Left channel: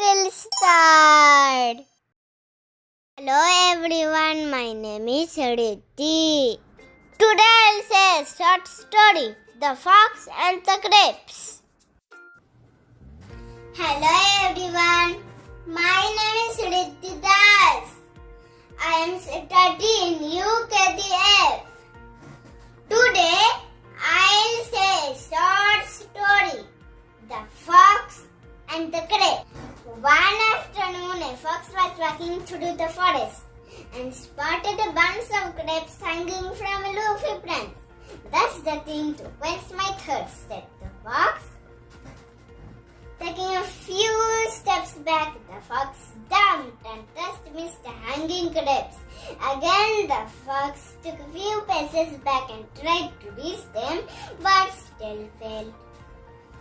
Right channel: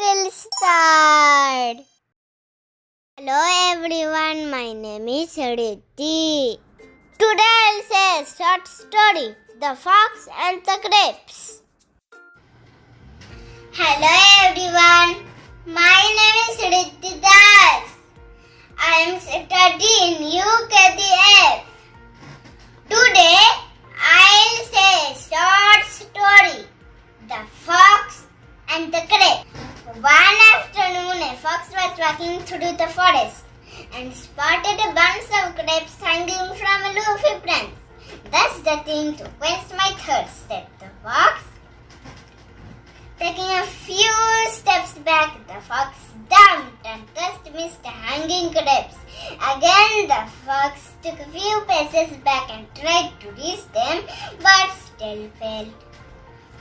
Little Star. Hello everyone, my name is Riddhi. Today I'll say a short story, The Fox and the Grapes. Hello everyone, my name is Riddhi Das. I am studying UKDF. Today I'll say a short story, The Fox and the Grapes. One afternoon, a fox was walking through the forest and spotted a bunch of grapes hanging from a leafy branch. That's the thing to quench my thirst, said the fox. Taking a few steps back, the fox jumped and just missed the hanging grapes. Again, the fox took a few paces back and tried to reach them, but still failed.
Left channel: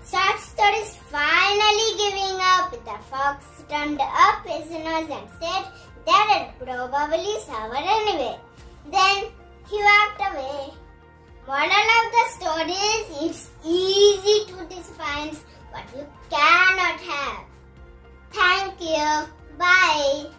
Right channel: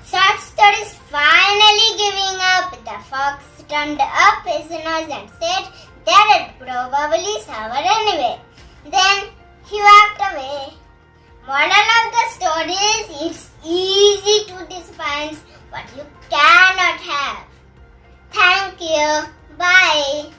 Short stories finally giving up, the fox turned up his nose and said, "They were probably sour anyway." Then he walked away. Moral of the story is, it's easy to despise what you cannot have. Thank you. Bye.